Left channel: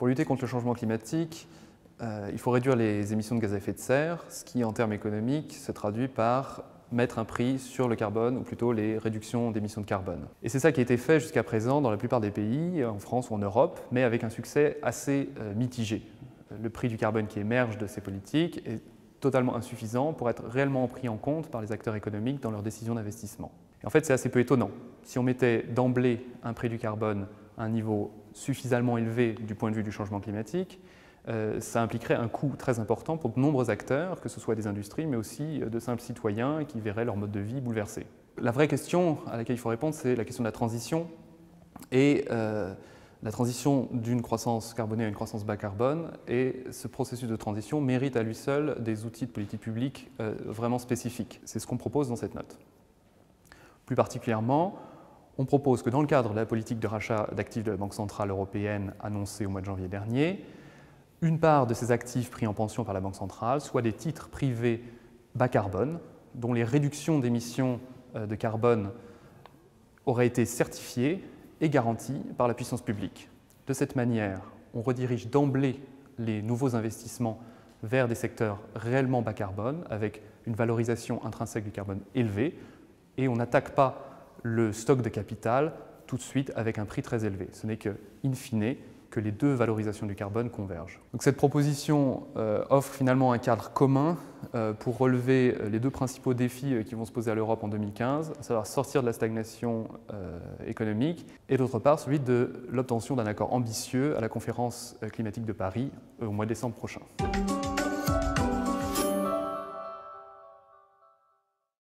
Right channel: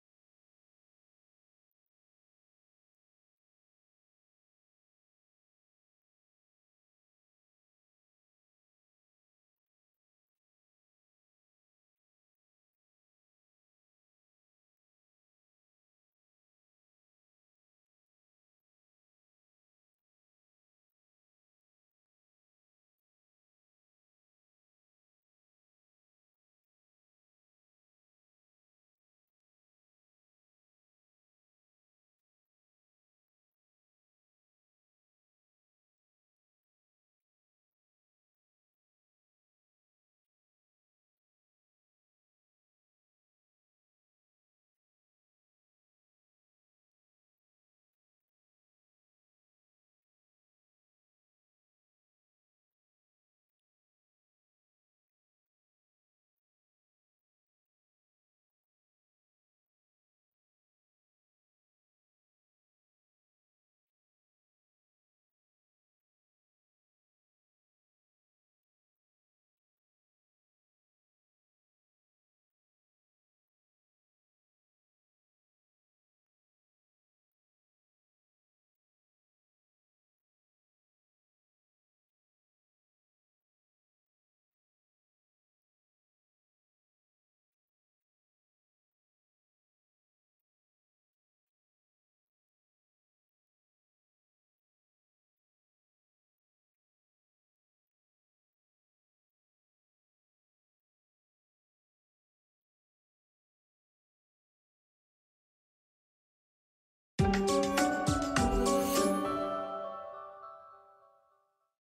Pour lutter contre le changement climatique, il faut réduire les émissions de gaz à effet de serre, ce qui, en termes économiques, se traduit par mettre un prix sur le carbone, ou plutôt les réductions d'émissions de carbone. Et c'est ça qui a été fait jusqu'à présent dans la plupart des pays, en France ou en Europe, mais avec un succès assez mitigé. Le prix du carbone qui émerge de ces politiques est totalement insuffisant pour être réellement pris en compte par les acteurs économiques dans leurs décisions d'investissement. Et en fait, c'est assez peu étonnant. Si on mettait d'emblée un prix du carbone à un niveau suffisamment élevé du point de vue du changement climatique, ça impliquerait un coût très important pour de nombreux acteurs, que ce soit des industries, mais aussi de simples citoyens qui verraient leur mode de vie bouleversé. La vraie question à laquelle il faut répondre, c'est la question de la transition. Et la transition d'une croissance carbonée à une croissance bas carbone, et ce processus de transition mérite à lui seul des outils de politique publique vraiment spécifiques. C'est ce qu'on propose dans cette note. Plus particulièrement, on propose que dans le cadre de la politique de rachat d'actifs de la Banque centrale européenne annoncée au mois de janvier dernier, une part de ces actifs pris en pension par la Banque centrale soit des titres privés bas carbone, dont les réductions d'émissions de carbone auraient été certifiées et garanties par la puissance publique. De cette manière, on redirige d'emblée les nouveaux investissements vers des secteurs réellement bas carbone, avec une valorisation intrinsèque du carbone élevée, et on n'attaque pas le stock de capital tout de suite avec un prix très élevé. Ce n'est que, in fine, que les deux valorisations du carbone convergent. Donc cette proposition offre finalement un cadre commun pour relever les deux principaux défis qui vont se poser à l'Europe en 2015, à savoir sortir de la stagnation économique, et d'autre part celui de l'obtention d'un accord ambitieux à la conférence climatique de Paris au mois de décembre prochain.